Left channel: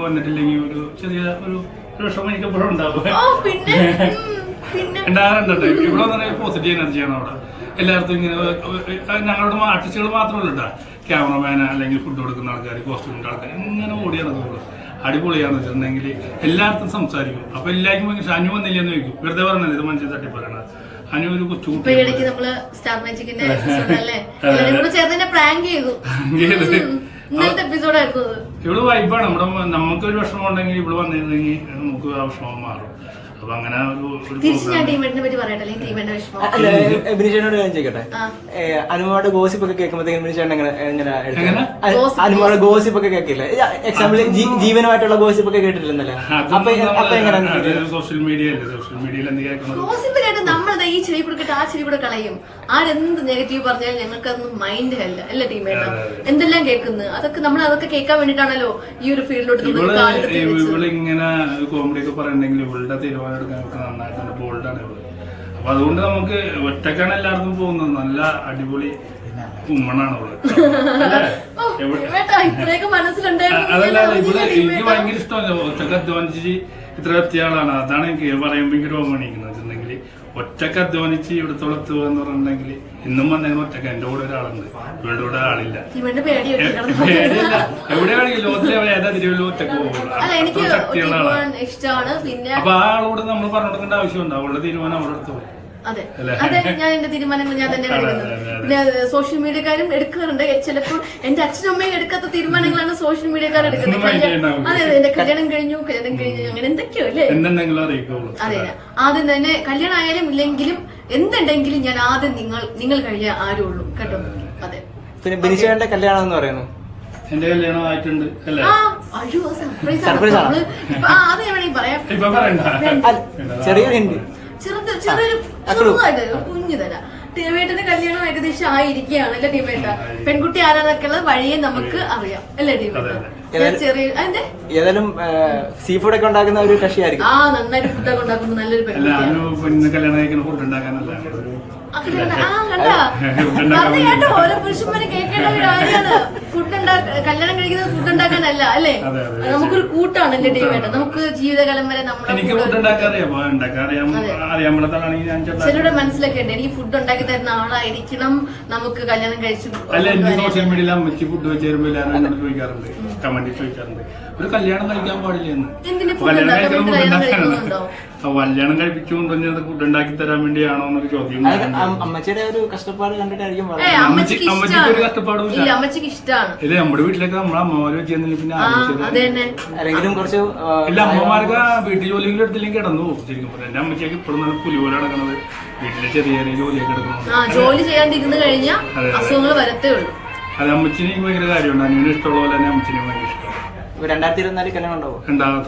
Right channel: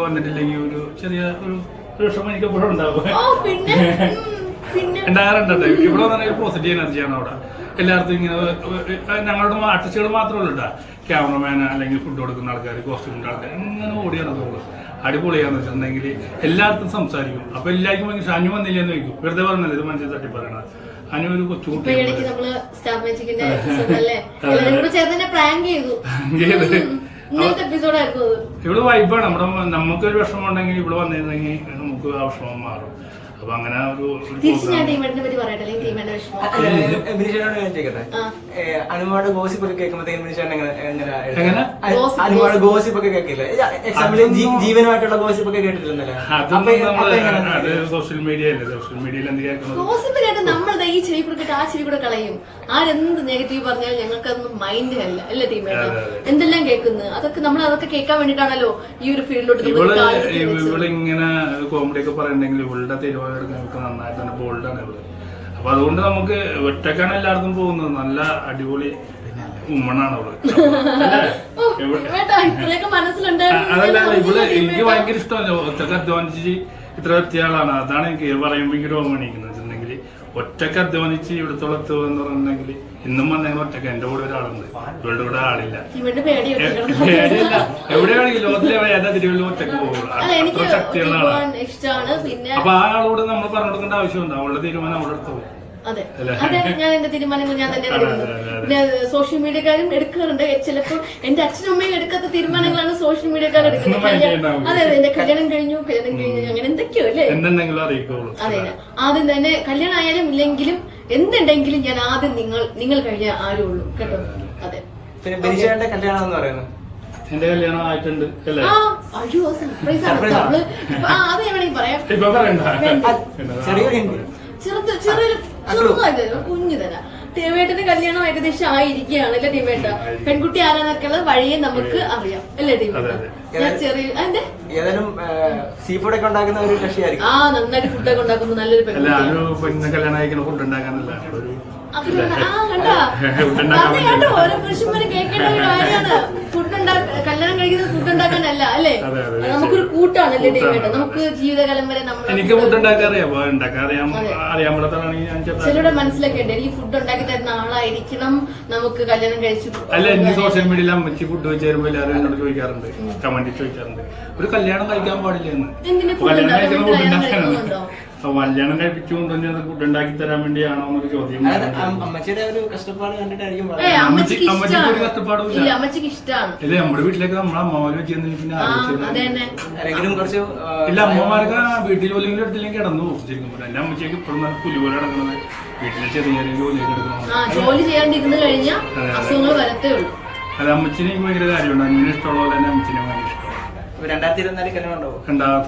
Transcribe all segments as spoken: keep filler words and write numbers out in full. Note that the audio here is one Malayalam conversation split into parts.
വന്നിട്ടില്ലെങ്കിൽ ഒരു ചെറിയ ഒരു വിഷമം എനിക്ക് എപ്പോഴും ഉണ്ടാവും. ഉണ്ടാകാറുണ്ട് കേട്ടോ. ഇവിടെ വന്നാൽ ഒരു പോസിറ്റീവ് എനർജിയാണ് അവിടെ. എല്ലായിടത്തും ഇങ്ങനെ ഞങ്ങളുടെ ആർട്ടിസ്റ്റുകൾ മാത്രമല്ല കേട്ടോ, ക്യാമറമാൻ അല്ലെങ്കിൽ ഫുഡ് കൊടുക്കുന്ന ആൾക്കാർ, കോസ്റ്റ്യൂമിൻ്റെ ആൾക്കാർ ഇങ്ങനെ ഓടി നടക്കുള്ളൂ. അടിപൊളിയാന്ന് വെച്ചിട്ടുണ്ടെങ്കിൽ എല്ലായിടത്തും സംസാരിക്കും. അപ്പൊ എല്ലാവർക്കും ഭയങ്കര അനു വന്നില്ലെന്ന് ചോദിക്കും. വെറുതെ പറഞ്ഞല്ലേ ഇത് മനസ്സിൽ തട്ടി പറയണത്. അനു ഒരു കൊച്ചുകുട്ടി ഇവള് വൈബാണ്. നമ്മുടെ നമുക്കൊരു വിഷമം ഉണ്ടെങ്കിൽ ഇവള് വന്നിരുന്നെങ്കിൽ നമുക്ക് ആ വിഷമം മാറും. അപ്പൊ അങ്ങനെ ഒരു അനുമാട് ഗോസിപ്പ് ഒക്കെ കേൾക്കുമ്പോഴത്തേക്കും അനുമാട് ഗോസിപ്പ് ഒക്കെ കേൾക്കില്ലേ? എക്സാമ്പിൾ ജീവനുമായിട്ടുള്ള ഗോസിപ്പ് ഒക്കെ കേട്ടിട്ടില്ലേ? അതൊന്നും നമ്മള് അത് സോഷ്യൽ മീഡിയ അല്ലേ. സോഷ്യൽ മീഡിയയിൽ എന്ത് കേൾക്കുന്നത് നമ്മളത് ഈ ചെവി കൊടുക്കട്ടെ ആ ചെവി കൂടെ കളയും. ആരെന്ത് നെഗറ്റീവ് പറഞ്ഞാൽ ഞങ്ങൾക്ക് അതൊന്നും മൈൻഡ് അല്ല അല്ല ടീമേറ്റ്. എന്തെല്ലാം കേൾക്കുന്നത് അതൊക്കെ നമ്മൾ അതൊക്കെ കേൾക്കാൻ വേണ്ടിട്ടാണല്ലോ ഈ ഒരു ഫീൽഡിലോട്ട്. ഇവളിങ്ങനെ കോമഡി ഒക്കെ പറയണ്ടെങ്കിൽ ഇവളുടെ തീരുമാനം എടുക്കാനൊക്കെ നന്നായിട്ട് തന്നെ ബോൾഡാണ് ഇവള്. അപ്പൊ അതുകൊണ്ട് നമുക്ക് ഒറ്റക്കാണ് എല്ലായിടത്തും പോകുന്നത്. നല്ല അടിപൊളി ഉമ്മണാണ് അവള്. അതല്ല ഇവള് എനിക്ക് ഭയങ്കര ഇഷ്ടമല്ല. ഒറ്റക്ക് അധ്വാനിച്ച് ഇത്ര എത്തിയ ആളാണ്. അതാണ് എനിക്ക് പറയുമ്പോ എനിക്ക് രോഗം എണീക്കുന്നത് വെച്ചിട്ടുണ്ടെങ്കിൽ ഒറ്റക്ക് അധ്വാനിച്ച് ഇവിടുത്തോളം എത്തുക എന്ന് പറഞ്ഞിട്ടുണ്ടെങ്കിൽ ഇന്നും വന്നേക്കുന്ന ഒറ്റക്ക്. എന്റെ കൂടെ ഒരാളുണ്ട്, ഇവളുടെ കൂടെ ആളില്ല. പേടിയില്ല. എവിടെയാണെങ്കിൽ ലോകത്തിലെ ഏതാ തിരുവല്ലോ ഒറ്റക്ക് പോകുള്ളൂ. അത്ര ശക്തിയുള്ള ആളാണ്. അപ്പൊ ആ ആളോട് നമ്മൾ പറഞ്ഞു കൊടുക്കേണ്ട ആവശ്യമുണ്ട്. അവളുടെ തീരുമാനം അവളുടെ അടുത്ത് പോയി. അതെ അതെ ഞാൻ എന്റെ തീരുമാനങ്ങൾ ഞാൻ തന്നെയാണ് എടുക്കുന്നത്. പിന്നെ സോഷ്യൽ മീഡിയക്കാരും എടുക്കാറുണ്ട്. ചിലപ്പോൾ എന്റെ അച്ഛനും അമ്മയും എടുക്കാത്ത തീരുമാനങ്ങളാണ് സോഷ്യൽ മീഡിയക്കാർ എടുക്കുന്നത്. അതെ അതെ എന്റെ കല്യാണം കഴിഞ്ഞു കല്യാണം കഴിഞ്ഞു അങ്ങനെ എന്തൊക്കെയോ അല്ലേ. അതെ ആദ്യം തന്നെ കല്യാണം ആയാലും ഇല്ലെങ്കിലും എന്തുണ്ടെങ്കിലും ഞാൻ ആദ്യം നിങ്ങൾ നിങ്ങൾ കഴിഞ്ഞ ആരുള്ളൂ കേട്ടോ. അതെ പിന്നെ ബിനിഷയുടെ കല്യാണം എന്ന് പറയുന്നത് എന്റെ കല്യാണം ആയിട്ടുണ്ട് അല്ലേ? അയ്യോ സർപ്രൈസ് ആണ്. നമ്മള് അത് വേണമെങ്കിൽ പറയാം. ചെറുത് ചെറിയൊരു ചെറുതായിട്ട് കുഞ്ഞു തരാം. ടീമേട്ടന്റെ കല്യാണം ഏകദേശം ആയിരിക്കുകയാണ് അല്ലെ ടീമേട്ട? പെൺകുട്ടി ആരാന്നൊക്കെയുള്ള വഴിയെ നമുക്ക് അറിയാം അല്ലേ ടീമേട്ട? ഞാൻ ചെറിയ അതിന്റെ ഏതായാലും സീ ഫുഡ് ഒക്കെ ഉണ്ടാക്കുന്ന ഒരു കക്ഷിയായിരിക്കും. ആ നന്നായിട്ട് ഫുഡൊക്കെ ഉണ്ടാക്കുന്ന നല്ലൊരു പെൺകുട്ടി കല്യാണം കഴിക്കുന്ന ഫുഡ് ഉണ്ടാക്കാനല്ല പുരുഷന്മാര് കേൾക്കേണ്ട ഒരു കാര്യമാണ്. ഫുഡ് കല്യാണം കഴിക്കുന്നത് ഫുഡ് ഉണ്ടാക്കാനല്ല അല്ലേ? നമുക്കൊരു കൂട്ടാണല്ലേ ടീമേട്ട? നമുക്ക് ജീവിതകാലം വരെ നമ്മൾ എനിക്ക് ഫുഡ് ഉണ്ടാക്കാൻ അറിയാം. ചിലരുടെ മനസ്സിലൊക്കെ ഉണ്ട് എനിക്ക് ഫുഡ് ഉണ്ടാക്കി തരുന്ന ആളായിരിക്കണം നമുക്ക് കല്യാണം കഴിച്ചു. അല്ല എന്റെ സോഷ്യൽ മീഡിയയിൽ അമ്മച്ചി ഫുഡ് വെച്ച് തരുമ്പോ എല്ലാവരും എന്നോട് ചോദിക്കാറുണ്ട്, കമന്റിൽ ചോദിക്കാറുണ്ട് ഒരു കല്യാണം കഴിക്കാൻ പാടില്ല എന്ന്. കല്യാണം കഴിക്കുന്ന ഫുഡ് ഉണ്ടാക്കാനാണ്. കല്യാണം കഴിപ്പിച്ചുകൊണ്ടുവന്നത് ഫുഡ് ഉണ്ടാക്കി തരാൻ വേണ്ടിയാണോ എന്നൊരു ചോദ്യം. അമ്മച്ചിയുടെ ഒരു കഷ്ടപ്പാട് കണ്ടിട്ടായിരിക്കും. അമ്മച്ചിക്ക് ഒരു കഷ്ടപ്പാടും ഇല്ല. അമ്മച്ചിക്ക് ഇഷ്ടമാണ്. ഇല്ല നമ്മുടെ വീട്ടിലൊക്കെ നമ്മളെ അമ്മമാര് വെച്ചിരുന്നില്ല പിന്നെ ആരെങ്കിലും കുറച്ച് ഇല്ല അമ്മമാർക്ക് വീട്ടിൽ ജോലിയെങ്കിലും എടുത്തില്ലെങ്കിൽ കിടന്നു പോകും. ശരിക്കും പറയാം എന്റെ അമ്മച്ചിയൊക്കെ ഇപ്പോഴും നല്ല പുലിപോലെ നടക്കണത്. വീട്ടിലെ ചെറിയ ചെറിയ ജോലിയൊക്കെ എടുക്കണം. ജോലി ചെയ്യാണ്ടിരുന്നു കഴിഞ്ഞാൽ അസുഖങ്ങൾ വരത്തേ ഉള്ളൂ. അത് അമ്മച്ചിന് എനിക്ക് ഭയങ്കര കാര്യമുണ്ട്. അനിയന് ഇഷ്ടമുള്ള പോലെ തന്നെ അമ്മച്ചിനെ ഭയങ്കര ഇഷ്ടമാണ്. രണ്ടായിരത്തി ഇരുപത്തിനാല് കല്യാണം ഉണ്ടാവും.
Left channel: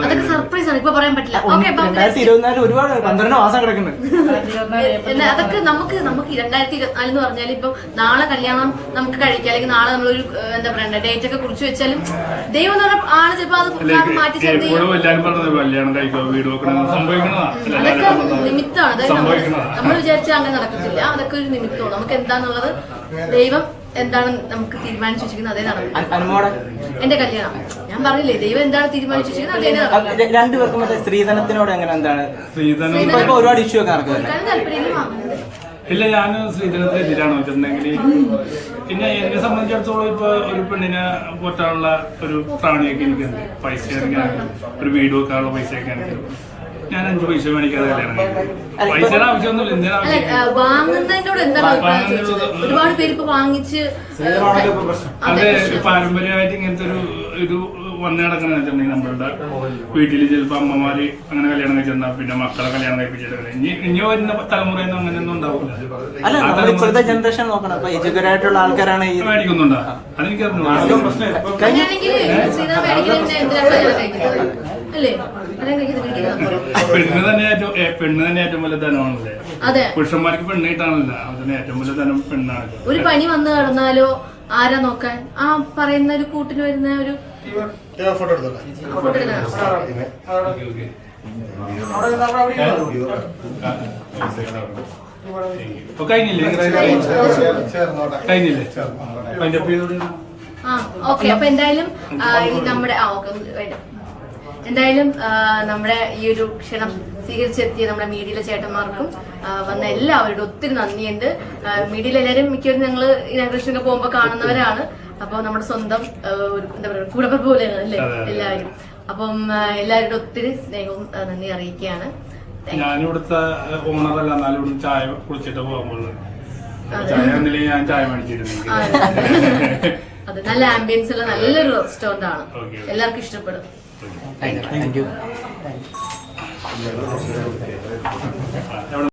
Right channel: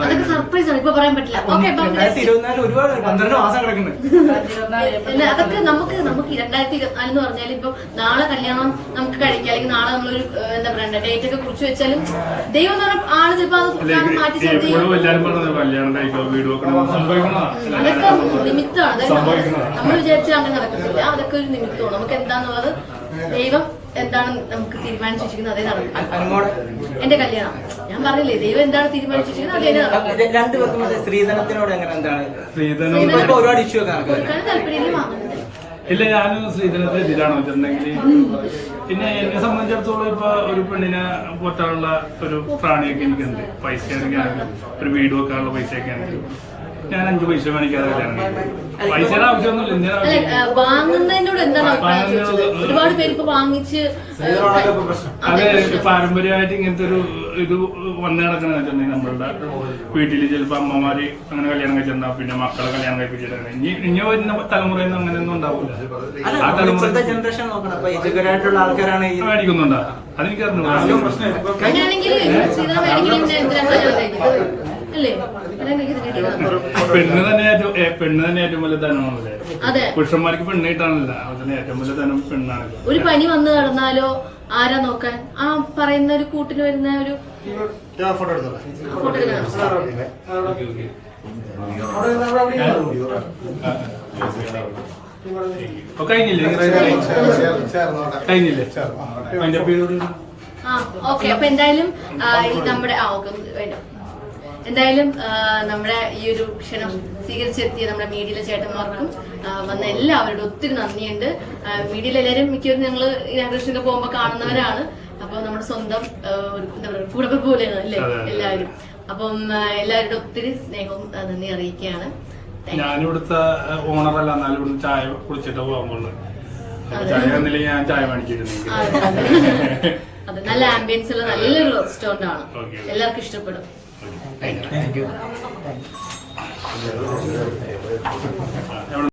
ഒരുപാട് പന്ത്രണ്ട് മാസം കിടക്കുന്നു. അതൊക്കെ നമുക്ക് നമുക്ക് രണ്ടായിരത്തി ഇരുപത്തിനാല് എന്ന് പറഞ്ഞാൽ ഇപ്പൊ നാളെ കല്യാണം നമുക്ക് കഴിക്കാം അല്ലെങ്കിൽ നാളെ നമ്മളൊരു എന്താ പറയണ്ട ഡേറ്റ് ഒക്കെ കുറിച്ച് വെച്ചാലും ദൈവം ആള് ചിലപ്പോ അത് മാറ്റി നിമിത്തമാണ്. നമ്മൾ വിചാരിച്ചാൽ അങ്ങനെ നടക്കത്തില്ല. അതൊക്കെ ഒരു നിമിത്തമാണ്. നമുക്ക് എന്താന്നുള്ളത് ദൈവം എന്താണ് നമുക്ക് തീരുമാനിച്ചു വെച്ചിരിക്കുന്നത് അതേ നടക്കും. എന്റെ കല്യാണം ഞാൻ പറഞ്ഞില്ലേ ദൈവം എന്താണ് തീരുമാനിച്ചു വെച്ചിരിക്കുന്നത് അതേ നടക്കും. രണ്ടുപേർക്കും മറ്റേ സ്ത്രീധനത്തിനോട് എങ്ങനെ എന്താണ് സ്ത്രീധനം ഒരുപാട് ഇഷ്യൂ ഒക്കെ താല്പര്യം വാങ്ങുന്നത്? ഇല്ല ഞാൻ സ്ത്രീധനത്തിന് എതിരാണ് വെച്ചിട്ടുണ്ടെങ്കിൽ. പിന്നെ എന്നെ സംബന്ധിച്ചിടത്തോളം ഇപ്പൊ ഒരു പെണ്ണിനെ പോറ്റാനുള്ള ഒരു പ്രാണിയൊക്കെ എനിക്കുണ്ട്. പൈസ ആണെങ്കിലും ഒരു വീട് വെക്കാനുള്ള പൈസയൊക്കെ ആണെങ്കിലും ഞാൻ അഞ്ചു പൈസ മേടിക്കാതെ കല്യാണം കഴിക്കും. പൈസയുടെ ആവശ്യമൊന്നുമില്ല. എന്തിനാ വാങ്ങുന്നതിനോട് എന്താണ് ഒരുപാട് പേര് ഇപ്പൊ വാങ്ങിച്ച് അത് പാരമ്പര്യമായിട്ട് ഇങ്ങനത്തെ ഒരു ഇത് വന്നു കിടക്കണെന്ന് വെച്ചിട്ടുണ്ടെങ്കിൽ നമ്മളുടെ വീട്ടിൽ ചിലപ്പോ അമ്മമാര് അങ്ങനെ കല്യാണം കഴിച്ചിട്ടുണ്ടാവും. പിന്നെ മക്കളെ കല്യാണം കഴിപ്പിച്ചിട്ട് ഇനി ഇനി വരുന്ന തലമുറയിൽ അങ്ങനെയൊന്നും ഉണ്ടാവില്ല. ആ തലമുറ ജനറേഷൻ നോക്കണം എഡ്യൂക്കേറ്റഡ് ആൾക്കാരാണ് മേടിക്കുന്നുണ്ടോ അതെനിക്ക് അറിഞ്ഞൂടാ. പെണ്ണ് തന്നെ ഏറ്റവും പെണ്ണ് തന്നെ ഏറ്റവും വലിയ ധനമാണല്ലേ? പുരുഷന്മാർക്ക് പെണ്ണ് കിട്ടാനല്ല അതിന് ഏറ്റവും വലിയ ധനം പെണ്ണാണ്. ഒരു പനി വന്നു കിടന്നാലോ ആരാ നോക്കാൻ? ആ പറയുന്ന ഒരു കൂട്ടിന് വരുന്ന ഒരു ഫോട്ടോ ഇപ്പൊ കഴിഞ്ഞില്ലേ കഴിഞ്ഞില്ലേ അതിന്റെ ആ ഓക്കെ. അപ്പൊ എന്തായാലും നമ്മുടെ ആ ഓക്കെ എന്തായാലും ആ, നമ്മുടെ ഈ ഒരു ക്ഷണം സ്വീകരിച്ചെത്തിയ നമ്മുടെ മീഡിയയിലെ ചേട്ടന്മാർക്കും ആ, വന്ന എല്ലാവരോടും ഒത്തിരി നന്ദിയുണ്ട്. മീഡിയയിൽ എല്ലാവരും മിക്കവരും ഞങ്ങൾ ഇനാഗ്രേഷനൊക്കെ പോകുമ്പോൾ കാണുന്നവരാണ്. അപ്പൊ നമ്മുടെ സ്വന്തം ആ, ഒരു എന്താ പറയുക കുടുംബം പോലെയാണ് അല്ലേ എല്ലാവരും. അപ്പം ആ, എല്ലാവരുടെ ഒത്തിരി സ്നേഹവും ആ, നന്ദി അറിയിക്കുകയാണ്. ഞാനിവിടുത്തെ ഓണറല്ല, എന്നാലും ഇവിടുന്ന് ചായ കുളിച്ചിട്ട് പോകുമ്പോഴുള്ളത്. അപ്പൊ ചായ വന്നില്ലെങ്കിൽ ഞാൻ ചായ മേടിച്ചിരുന്നെങ്കിൽ. അതെ, നല്ല ആംബിയൻസ് ഉള്ള നല്ലൊരു റെസ്റ്റോറന്റ് ആണ്. ഓക്കെ. എല്ലാവർക്കും ഇഷ്ടപ്പെടും. Thank you. എവിടെ